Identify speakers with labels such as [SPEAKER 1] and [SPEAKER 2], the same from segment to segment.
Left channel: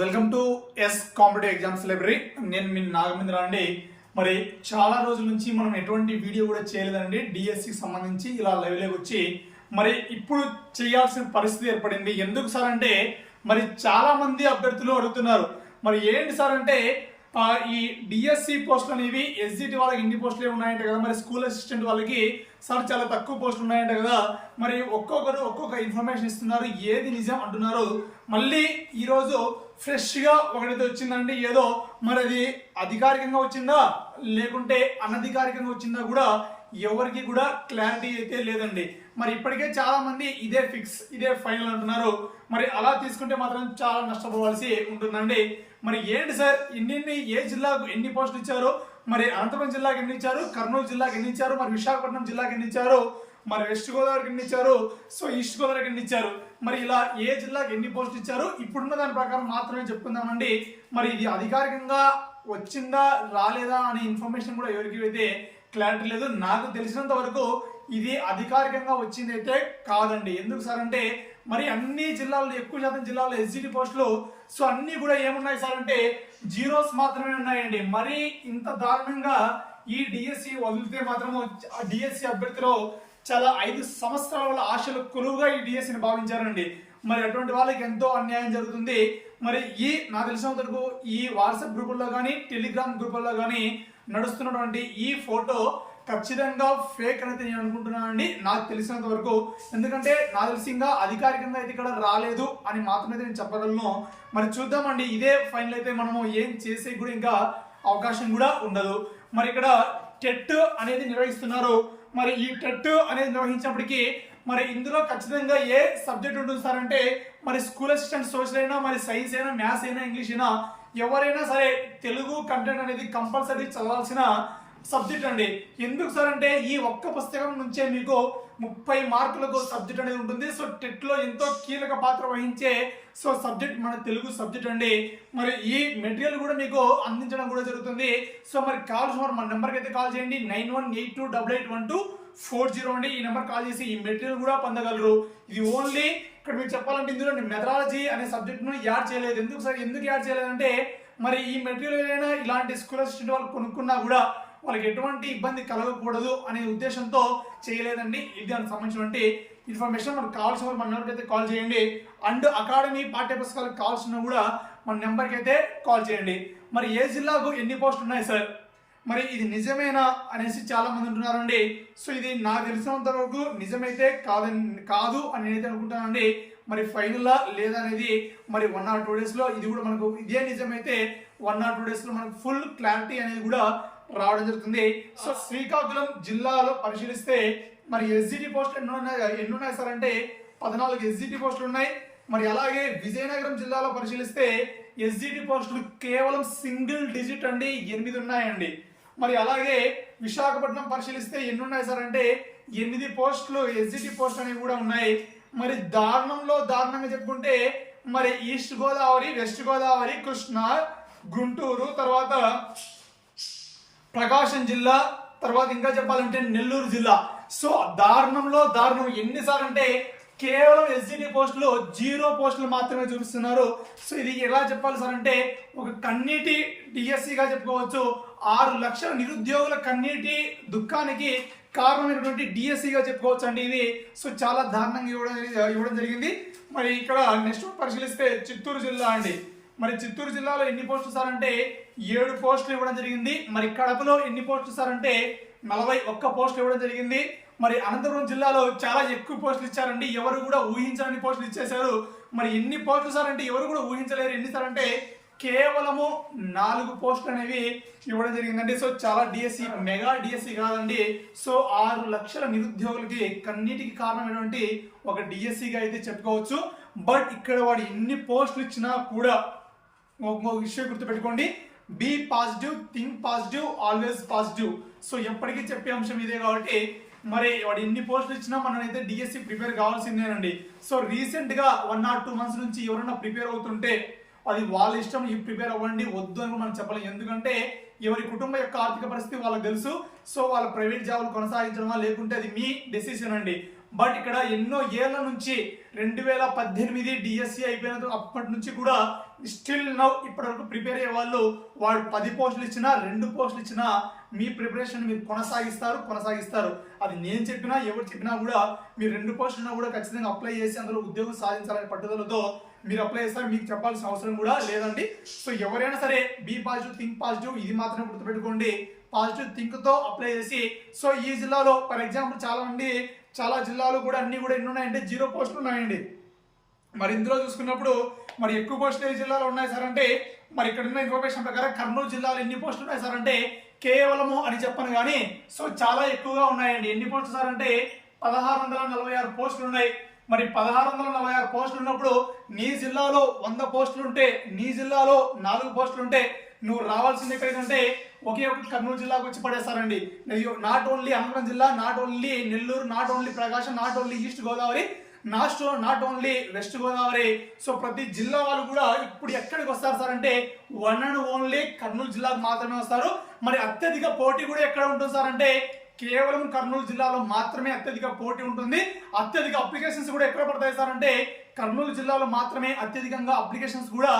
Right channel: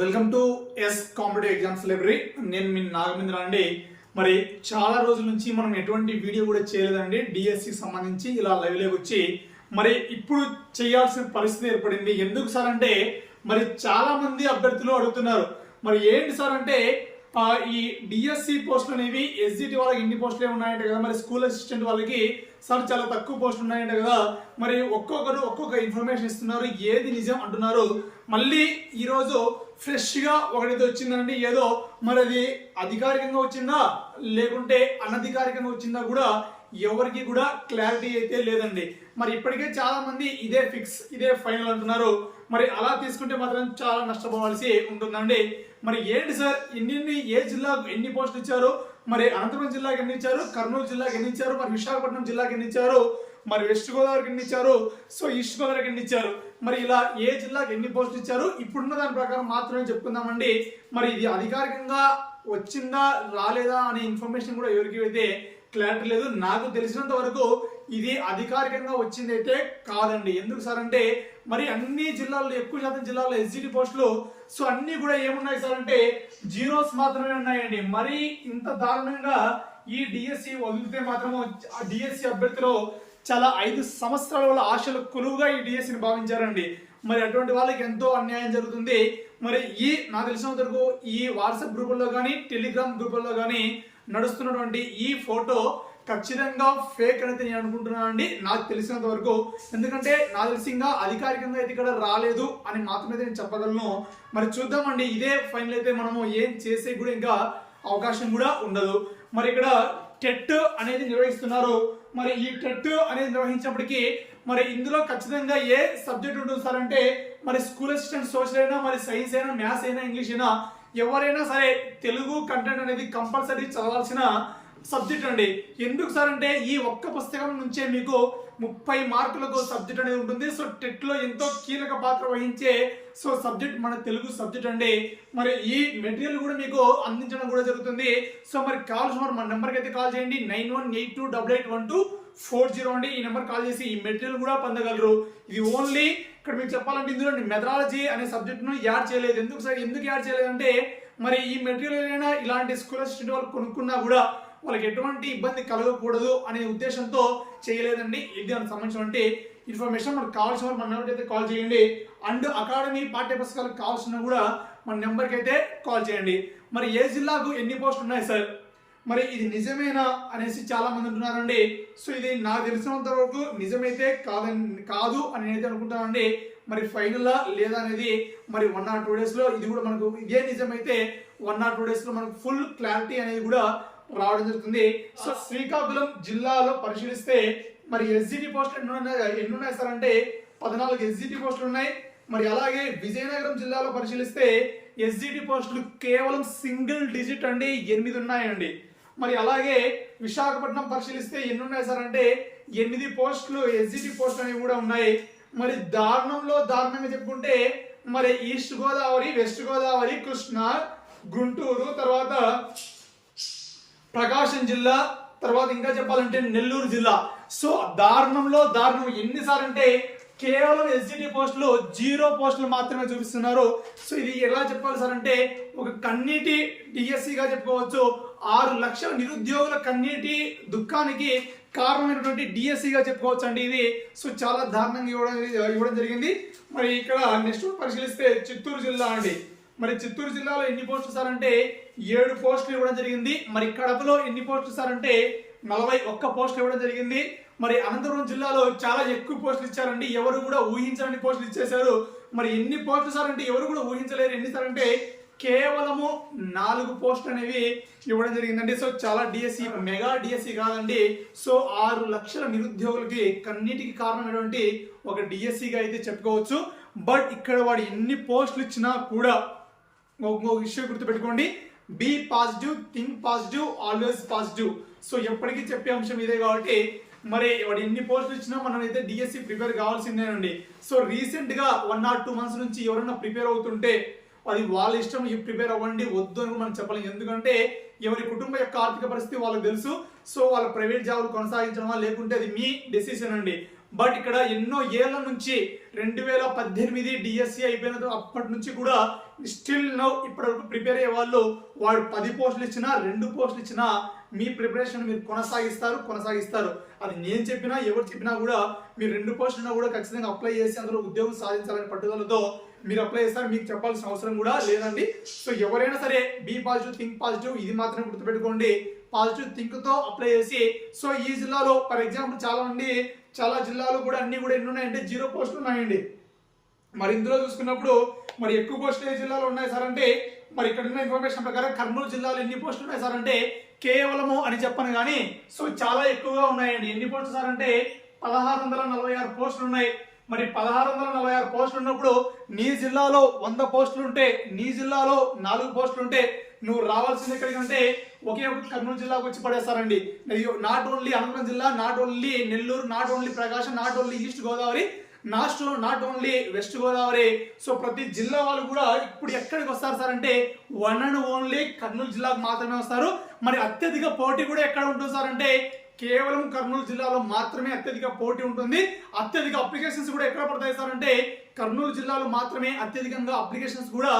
[SPEAKER 1] Welcome to S competitive exams library నేను మీ నాగమేంద్ర అండి. మరి చాలా రోజుల నుంచి మనం ఎటువంటి వీడియో కూడా చేయలేదండి. డిఎస్సికి సంబంధించి ఇలా లైవ్లోకి వచ్చి మరి ఇప్పుడు చేయాల్సిన పరిస్థితి ఏర్పడింది. ఎందుకు సార్ అంటే మరి చాలా మంది అభ్యర్థులు అడుగుతున్నారు. మరి ఏంటి సార్ అంటే ఈ డిఎస్సి పోస్టులు అనేవి ఎస్జిటి వాళ్ళకి ఇన్ని పోస్టులే ఉన్నాయంట కదా. మరి స్కూల్ అసిస్టెంట్ వాళ్ళకి సార్ చాలా తక్కువ పోస్టులు ఉన్నాయంట కదా. మరి ఒక్కొక్కరు ఒక్కొక్క ఇన్ఫర్మేషన్ ఇస్తున్నారు. ఏది నిజం అంటున్నారు. మళ్ళీ ఈరోజు ఫ్రెష్గా ఒకటైతే వచ్చిందండి ఏదో మరి అది అధికారికంగా వచ్చిందా? లేకుంటే అనధికారికంగా వచ్చిందా కూడా ఎవరికి కూడా క్లారిటీ అయితే లేదండి. మరి ఇప్పటికే చాలామంది ఇదే ఫిక్స్ ఇదే ఫైనల్ అంటున్నారు. మరి అలా తీసుకుంటే మాత్రం చాలా నష్టపోవాల్సి ఉంటుందండి. మరి ఏంటి సార్? ఎన్ని ఏ జిల్లాకు ఎన్ని పోస్టులు ఇచ్చారు? మరి అనంతపురం జిల్లాకి ఎన్ని ఇచ్చారు? కర్నూలు జిల్లాకి ఎన్ని ఇచ్చారు? మరి విశాఖపట్నం జిల్లాకి ఎన్ని ఇచ్చారు? మరి వెస్ట్ గోదావరికి ఎన్ని ఇచ్చారు? సో ఈస్ట్ గోదావరికి ఎన్ని ఇచ్చారు? మరి ఇలా ఏ జిల్లాకి ఎన్ని పోస్టులు ఇచ్చారు? ఇప్పుడున్న దాని ప్రకారం మాత్రమే చెప్పుకుందామండి. మరి ఇది అధికారికంగా వచ్చిందా రాలేదా అనే ఇన్ఫర్మేషన్ కూడా ఎవరికి అయితే క్లారిటీ లేదు. నాకు తెలిసినంత వరకు ఇది అధికారికంగా వచ్చింది అయితే కాదండి. ఎందుకు సార్ అంటే మరి అన్ని జిల్లాల్లో ఎక్కువ శాతం జిల్లాల్లో ఎస్జిటి పోస్టులు సో అన్నీ కూడా ఏమున్నాయి సార్ అంటే జీరోస్ మాత్రమే ఉన్నాయండి. మరి ఇంత దారుణంగా ఈ డిఎస్సి వదిలితే మాత్రము డిఎస్సి అభ్యర్థిలో చాలా ఐదు సంవత్సరాల ఆశలు కొలువుగా ఈ డిఎస్సిని భావించారండి. మరి అటువంటి వాళ్ళకి ఎంతో అన్యాయం జరుగుతుంది. మరి ఈ నాకు తెలిసినంత వరకు ఈ వాట్సాప్ గ్రూపుల్లో కానీ టెలిగ్రామ్ గ్రూపుల్లో కానీ నడుస్తున్నటువంటి ఈ ఫోటో ఖచ్చితంగా ఫేక్ అనేది నేను అనుకుంటున్నాను అండి. నాకు తెలిసినంత వరకు. ఎందుకంటే నాకు తెలిసి ఇంకా అధికారికంగా అయితే ఇక్కడ రాలేదు అని మాత్రమే నేను చెప్పగలను. మరి చూద్దామండి. ఇదే ఫైనల్ అయితే మనము ఏం చేసే కూడా ఇంకా అవకాశం కూడా ఉండదు. మరి ఇక్కడ టెట్ అనేది నిర్వహిస్తున్నారు. మరి ఈ టెట్ అనేది నిర్వహించినప్పటికీ మరి ఇందులో ఖచ్చితంగా ఏ సబ్జెక్ట్ ఉంటుంది సార్ అంటే మరి స్కూల్ అసిస్టెంట్ సోషల్ అయినా మరి సైన్స్ అయినా మ్యాథ్స్ అయినా ఇంగ్లీష్ అయినా ఎవరైనా సరే తెలుగు కంటెంట్ అనేది కంపల్సరీ చదవాల్సిన సబ్జెక్ట్ అండి. ఎందుకు సార్ అంటే ఈ ఒక్క పుస్తకం నుంచే మీకు ముప్పై మార్కులకు సబ్జెక్ట్ అనేది ఉంటుంది. సో టెట్లో ఎంతో కీలక పాత్ర వహించే సో సబ్జెక్ట్ మన తెలుగు సబ్జెక్ట్ అండి. మరి ఈ మెటీరియల్ కూడా మీకు అందించడం కూడా జరుగుతుంది. సో మరి కావాల్సిన మన నెంబర్కి అయితే కాల్ చేయండి. Nine one eight two double eight one two four zero అండి. ఈ నెంబర్ కాల్ చేసి ఈ మెటీరియల్ కూడా పొందగలరు. ఇది ఓన్లీ ఇక్కడ మీకు చెప్పాలంటే ఇందులో మెథడాలజీ అనే సబ్జెక్ట్ను యాడ్ చేయలేదు. ఎందుకు సార్? ఎందుకు యాడ్ చేయలేదంటే మరి ఈ మెటీరియల్ అయినా ఇలాంటి స్కూల్ అసిస్టెంట్ వాళ్ళు కొనుక్కున్నా కూడా వాళ్ళకి ఎటువంటి ఇబ్బంది కలగకూడదు అనే ఉద్దేశంతో చేయలేదండి. ఇది దానికి సంబంధించినటువంటి ఇన్ఫర్మేషన్ మనకు కావాల్సిన వాళ్ళు మన నెంబర్కి అయితే కాల్ చేయండి. అండ్ అకాడమీ పాఠ్య పుస్తకాలకు కావాల్సిన కూడా మన నెంబర్కి అయితే కాల్ చేయండి. మరి ఏ జిల్లాకు ఎన్ని పోస్టులు ఉన్నాయి సార్? మరి ఇది నిజమేనా అనేసి చాలా మంది అంటున్నారండి సో ఇది నాకు తెలిసినంత వరకు నిజమైతే కాదని కాదు అని నేనైతే అనుకుంటానండి. మరి ఫైనలా లేదా అనేది మరి వన్ ఆర్ టూ డేస్లో ఇది కూడా మనకు ఇదే నిజమైతే వన్ ఆర్ టూ డేస్లో మనకు ఫుల్ క్లారిటీ అనేది కూడా రావడం జరుగుతుంది. సో శ్రీకాకుళం జిల్లాలో పరిశీలిస్తే మరి ఎస్జిటి పోస్టులు ఎన్ని ఉన్నాయి ఎన్ని ఉన్నాయి సార్ అంటే పద్నాలుగు ఎస్జిటి పోస్టులు ఉన్నాయి. మరి అలాగే విజయనగరం జిల్లాలో పరిశీలిస్తే ఎస్జిటి పోస్టులు కేవలం సింగిల్ డిజిట్ అండి ఎనిమిది ఉన్నాయండి. మరి అలాగే విశాఖపట్నం పరిశీలిస్తే ఎన్ని ఉన్నాయి సార్ అంటే ఎనిమిది పోస్టులు ఎస్జిటి పోస్టులు అనేవి కూడా ఉన్నాయి. మరి దారుణంలో దారుణంగా చెప్పుకుంటే మరి ఈస్ట్ గోదావరి వెస్ట్ గోదావరి కృష్ణ గుంటూరు తర్వాత ప్రకాశం జిల్లా తర్వాత ఇంకా చెప్పాలంటే నెల్లూరు జిల్లా. సో దారుణంలో దారుణం. ఎన్నిసార్లు అంటే కేవలం ఎస్జిటి పోస్టులు జీరో పోస్టులు మాత్రమే చూపిస్తున్నారు. సో ఇది ఎలా చెప్పాలి సార్ అంటే ఒక కన్నీటి డిఎస్సిగా చెప్పుకోవచ్చు. ఆరు లక్షల నిరుద్యోగుల కన్నీటి దుఃఖానికి కారణమైనటువంటి డిఎస్సిగా చెప్పుకోవచ్చు అండి ఇది. సో చాలా దారుణంగా ఇవ్వడం ఇవ్వడం జరిగింది. మరి ఇక్కడ నెక్స్ట్ పరిశీలిస్తే చిత్తూరు జిల్లా అండి. మరి చిత్తూరు జిల్లాలో ఎన్ని పోస్టులు సార్ అంటే ఏడు పోస్టులు ఇవ్వడం జరిగింది. మరి కడపలో ఎన్ని పోస్టులు సార్ అంటే నలభై ఒక్క పోస్టులు ఇవ్వడం జరిగింది. మరి అనంతపురం జిల్లాలో చాలా ఎక్కువ పోస్టులు ఇచ్చారండి. ఎవరు కూడా ఊహించని పోస్టులు ఇచ్చేశారు. మరి ఎన్ని పోస్టులు సార్ అంటే ఎవరు కూడా ఊహించలేరు. ఎన్ని సార్ అంటే కేవలము నాలుగు పోస్టులు అనేవి ఇవ్వడం జరిగిందండి. సో చాలా డిఎస్సి మెగా డిఎస్సి కాదండి. సో ఆరు లక్షల నిరుద్యోగులకి కన్నిటికి కారణమైనటువంటి ఒక డిఎస్సిగా అయితే చెప్పుకోవచ్చు. బట్ ఇక్కడ వాడు ఎన్ని పోస్టులు ఇచ్చినా కూడా ఇంకొక విషయం గుర్తుపెట్టుకోండి. Be positive think positive always positive so ఎప్పటికీ చెప్పే అంశం ఇదే కాబట్టి మరి వాడు ఎన్ని పోస్టులు ఇచ్చినా మనం అయితే డిఎస్సి ప్రిపేర్ కావాల్సిందేనండి. సో రీసెంట్గా వన్ ఆర్ టూ మంత్స్ నుంచి ఎవరైనా ప్రిపేర్ అవుతుంటే అది వాళ్ళ ఇష్టం ఈ ప్రిపేర్ అవ్వండి వద్దు అని మనం చెప్పలేం. ఎందుకంటే ఎవరి కుటుంబ యొక్క ఆర్థిక పరిస్థితి వాళ్ళకి తెలుసు. సో వాళ్ళ ప్రైవేట్ జాబులు కొనసాగించడమా లేకుంటే అది మీ డెసిషన్ అండి. బట్ ఇక్కడ ఎన్నో ఏళ్ళ నుంచి రెండు వేల పద్దెనిమిది డిఎస్సి అయిపోయిన అప్పటి నుంచి కూడా స్టిల్ నౌ ఇప్పటివరకు ప్రిపేర్ అయ్యే వాళ్ళు వాడు పది పోస్టులు ఇచ్చినా రెండు పోస్టులు ఇచ్చినా మీ ప్రిపరేషన్ మీరు కొనసాగిస్తారు కొనసాగిస్తారు. అది నేను చెప్పినా ఎవరు చెప్పినా కూడా మీరు రెండు పోస్టులు కూడా ఖచ్చితంగా అప్లై చేసి అందులో ఉద్యోగం సాధించాలనే పట్టుదలతో మీరు అప్లై చేస్తారు. మీకు చెప్పాల్సిన అవసరం కూడా లేదండి. సో ఎవరైనా సరే బీ పాజిటివ్ థింక్ పాజిటివ్ ఇది మాత్రమే గుర్తుపెట్టుకోండి. పాజిటివ్ థింక్తో అప్లై చేసి సో ఈ జిల్లాలో ఫర్ ఎగ్జాంపుల్ చాలామంది చాలా జిల్లాలు కూడా అన్ని కూడా ఎన్ని ఉన్నాయంటే జీరో పోస్టులు ఉన్నాయండి. మరి ఇందులో చూసుకున్నప్పుడు మరి ఎక్కువ పోస్టులు ఏ జిల్లాలో ఉన్నాయి సార్ అంటే మరి ఇక్కడ ఉన్న ఇన్ఫర్మేషన్ ప్రకారం కర్నూలు జిల్లాలో ఎన్ని పోస్టులు ఉన్నాయి సార్ అంటే కేవలము అని చెప్పను కానీ సో చాలా ఎక్కువగా ఉన్నాయండి. ఎన్ని పోస్టులు సార్ అంటే పదహారు వందల నలభై ఆరు పోస్టులు ఉన్నాయి. మరి పదహారు వందల నలభై ఆరు పోస్టులు ఉన్నప్పుడు నీ జిల్లాలో వంద పోస్టులు ఉంటే నీ జిల్లాలో నాలుగు పోస్టులు ఉంటే నువ్వు రావాల్సింది ఎక్కడికంటే ఒకే కర్నూలు జిల్లాకు వచ్చి పడేస్తారండి. నాట్ ఓన్లీ అనంతపురం జిల్లా not only Nellore not only Prakasam not only east Godavari not not only west Godavari. So ప్రతి జిల్లా వాళ్ళు కూడా ఇప్పుడు ఎక్కడికి వస్తారు సార్ అంటే వన్ అండ్ ఓన్లీ కర్నూలు జిల్లాకు మాత్రమే వస్తారు. మరి అత్యధిక పోటీ కూడా ఎక్కడ ఉంటుంది సార్ అంటే కేవలం కర్నూలు జిల్లాలో మాత్రమే అత్యధిక పోటీ ఉంటుంది. అత్యధిక అప్లికేషన్స్ కూడా ఎక్కడ పడతాయి సార్ అంటే కర్నూలు జిల్లాలో మాత్రమే అత్యధికంగా అప్లికేషన్స్ కూడా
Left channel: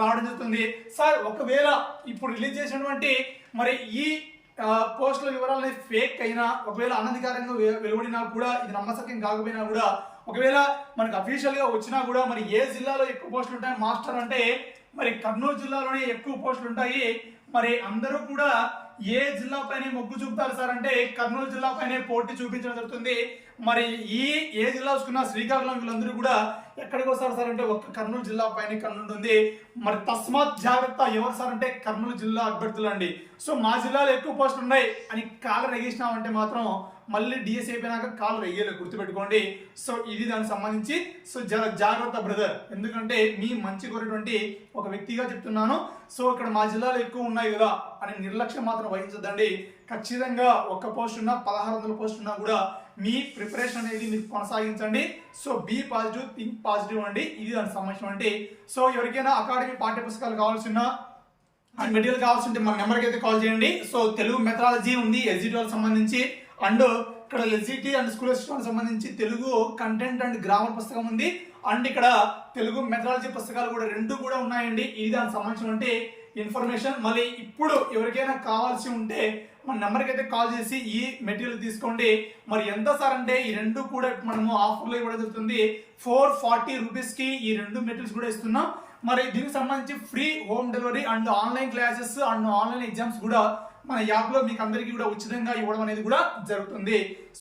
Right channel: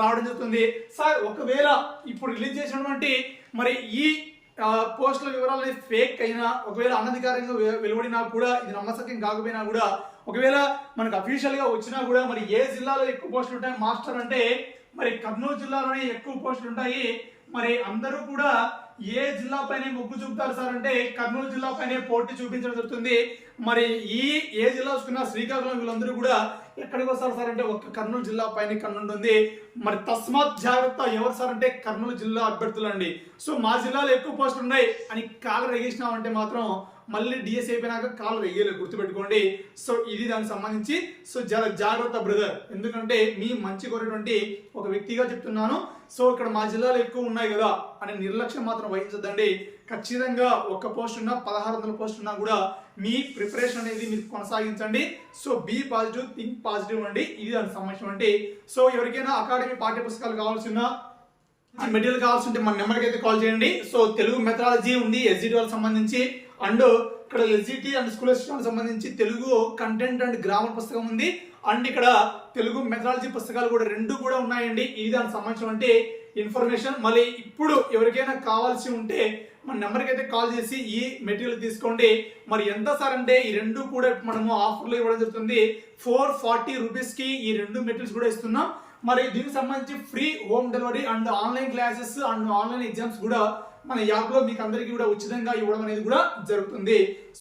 [SPEAKER 1] రావడం జరుగుతుంది. సార్ ఒకవేళ ఇప్పుడు రిలీజ్ చేసినటువంటి మరి ఈ పోస్టుల వివరాలు ఫేక్ అయినా ఒకవేళ అనధికారంగా వెలువడినా కూడా ఇది నమ్మసక్యం కాకపోయినా కూడా ఒకవేళ మనకు అఫీషియల్గా వచ్చినా కూడా మరి ఏ జిల్లాలో ఎక్కువ పోస్టులు ఉంటాయి మాస్టర్ అంటే మరి కర్నూలు జిల్లాలోనే ఎక్కువ పోస్టులు ఉంటాయి. మరి అందరూ కూడా ఏ జిల్లా పైన మొగ్గు చూపుతారు సార్ అంటే కర్నూలు జిల్లా పైనే పోటీ చూపించడం జరుగుతుంది. మరి ఈ ఏ జిల్లా చూసుకున్నా శ్రీకాకుళం వీళ్ళందరూ కూడా ఎక్కడికి వస్తారు సార్ అంటే ఒక కర్నూలు జిల్లా పైన కన్నుంటుంది మరి తస్మాత్ జాగ్రత్త ఎవరు సార్ అంటే కర్నూలు జిల్లా అభ్యర్థులు అండి సో మా జిల్లాలో ఎక్కువ పోస్టులు ఉన్నాయి అని కాలు రెగిసినామంటే మాత్రం మళ్ళీ డిఎస్ అయిపోయినాక కాలు రెయ్యలేదు గుర్తుపెట్టుకోండి. సో ఇది దానికి సంబంధించి సో జర జాగ్రత్త బ్రదర్. ఎందుకంటే మీ మంచి కోరేటువంటి ఒక వ్యక్తిగా చెప్తున్నాను. సో ఇక్కడ మా జిల్లాలో ఎక్కువ ఉన్నాయి కదా. అనే నిర్లక్ష్యం మాత్రం వహించద్దండి. ఖచ్చితంగా ఒక్క పోస్ట్ ఉన్నా పదహారు వందల పోస్ట్ ఉన్నా కూడా మీ ప్రిపరేషన్ అనేది మీరు కొనసాగించండి. So be positive think positive అండి. ఇది దానికి సంబంధించినటువంటి సో ఎవరికైనా అకాడమీ పాఠ్య పుస్తకాలు కావాల్సిన అండ్ మెటీరియల్ కావాల్సింటే మన నెంబర్కి అయితే కాల్ చేయండి. సో తెలుగు మెథడాలజీ ఉంది ఎస్జిటి వాళ్ళకి సంబంధించి. అండ్ ఇక్కడ ఎస్జిటి అండ్ స్కూల్ వాళ్ళకి సంబంధించి తెలుగు కంటెంట్ అండ్ గ్రామర్ పుస్తకం ఉంది. అండ్ ఇక్కడ తెలుగు మెథడాలజీ పుస్తకాలు కూడా రెండు కూడా ఉన్నాయండి. ఇది దానికి సంబంధించినటువంటి ఇన్ఫర్మేషన్ మళ్ళీ ఇప్పుడు ఎవరికైనా కావాల్సి ఉంటే మన నెంబర్కి అయితే కాల్ చేసి ఈ మెటీరియల్ తీసుకోండి. మరి ఎంత సార్ అంటే ఈ రెండు కూడా మనము ఆఫర్లో ఇవ్వడం జరుగుతుంది. ఫోర్ ఫార్టీ రూపీస్కి ఈ రెండు మెటీరియల్స్ కూడా ఇస్తున్నాం. మరి దీనికి సంబంధించి free home delivery and online classes and online exams కూడా మన యాప్లో మీకు అందరికీ కూడా ఉచితంగా ఇవ్వడం అనేది కూడా జరుగుతుంది.